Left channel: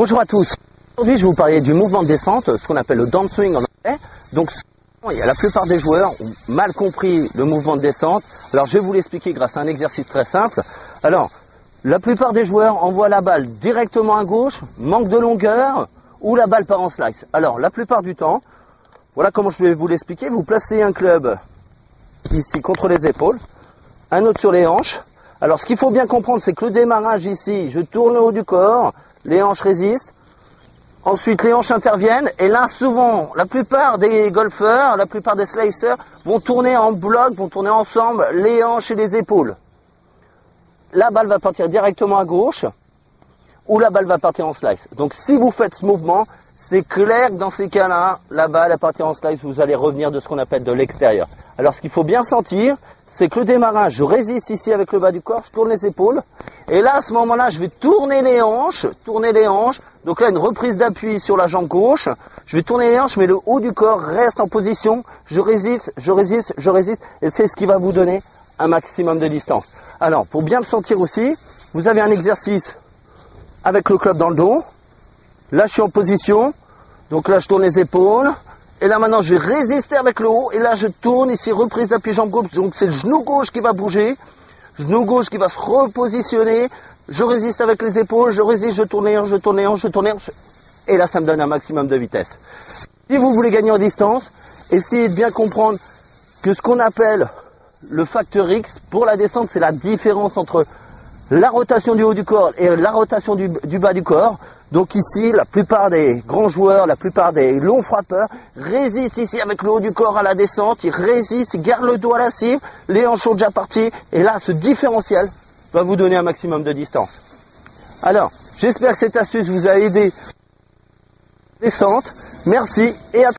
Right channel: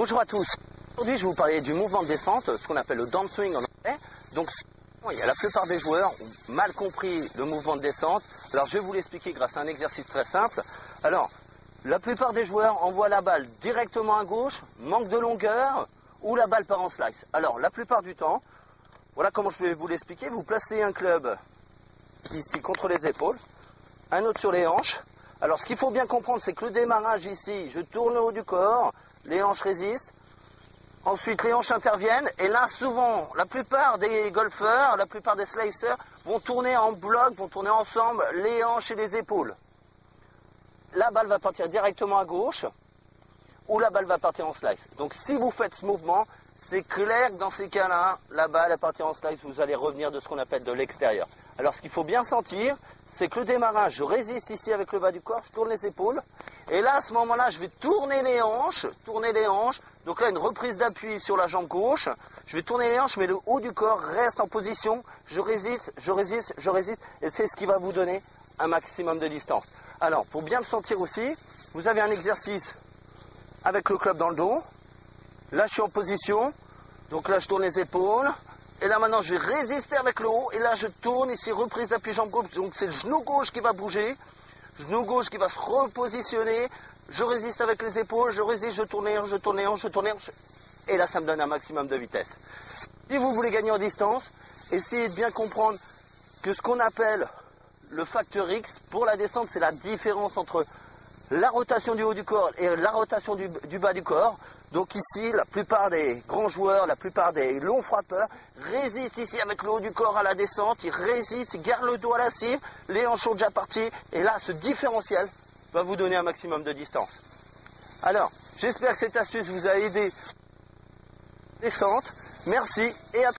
Bonjour à tous. Aujourd'hui, je vais vous parler du mouvement de descente, ce qu'on appelle le downswing en anglais. Donc, la plupart des joueurs ont mal compris le mouvement de descente. Alors, je vais vous l'expliquer grâce à un exercice très simple. Alors, la plupart des joueurs envoient la balle directement à gauche, manque de longueur, ou la balle part en slice. Alors, la plupart du temps, voilà comment je vais vous l'expliquer. Vous placez un club ici contre les épaules, un autre sur les hanches. Alors, ce qu'il faut bien comprendre, c'est que le démarrage ici, je tourne le haut du corps, les hanches résistent. Ensuite, les hanches interviennent. Et là, souvent, la plupart des golfeurs, la plupart des slicers vont tourner en bloc, vont tourner ensemble les hanches et les épaules. La balle va partir directement à gauche ou la balle va partir en slice. Donc, si vous faites ce mouvement, c'est clair que dans ces cas-là, la balle va partir en slice, vous allez revenir de ce qu'on appelle de l'extérieur. Alors, ce qu'il faut bien sentir, c'est que le démarrage, je résiste ici avec le bas du corps, je tourne les épaules. Et là, à ce moment-là, je vais tourner les hanches. Donc là, une reprise d'appui sur la jambe gauche. Je vais tourner les hanches, mais le haut du corps reste en position. Je résiste. Et c'est ce qui va vous donner un maximum de distance. Alors, pour bien le sentir aussi, vous avez un exercice avec le club dans le dos. Là, je suis en position. Donc là, je tourne les épaules. Et là, maintenant, je vais résister avec le haut. Et là, je tourne ici, reprise d'appui jambe gauche. Donc, c'est le genou gauche qui va bouger. Genou gauche qui va se repositionner. Je résiste avec les épaules. Je résiste, je tourne les hanches. Et là, ça me donne un maximum de vitesse. Si vous voulez gagner en distance, essayez de bien comprendre que ce qu'on appelle le facteur X pour la descente, c'est la différence entre la rotation du haut du corps et la rotation du bas du corps. Donc ici, la plupart des grands joueurs, la plupart des longs frappeurs résistent ici avec le haut du corps à la descente. Ils résistent, ils gardent le dos à la cible, les hanches sont déjà parties. Et là, ce différentiel va vous donner un maximum de distance. Alors, j'espère que cette astuce vous a aidé. Descente, merci et à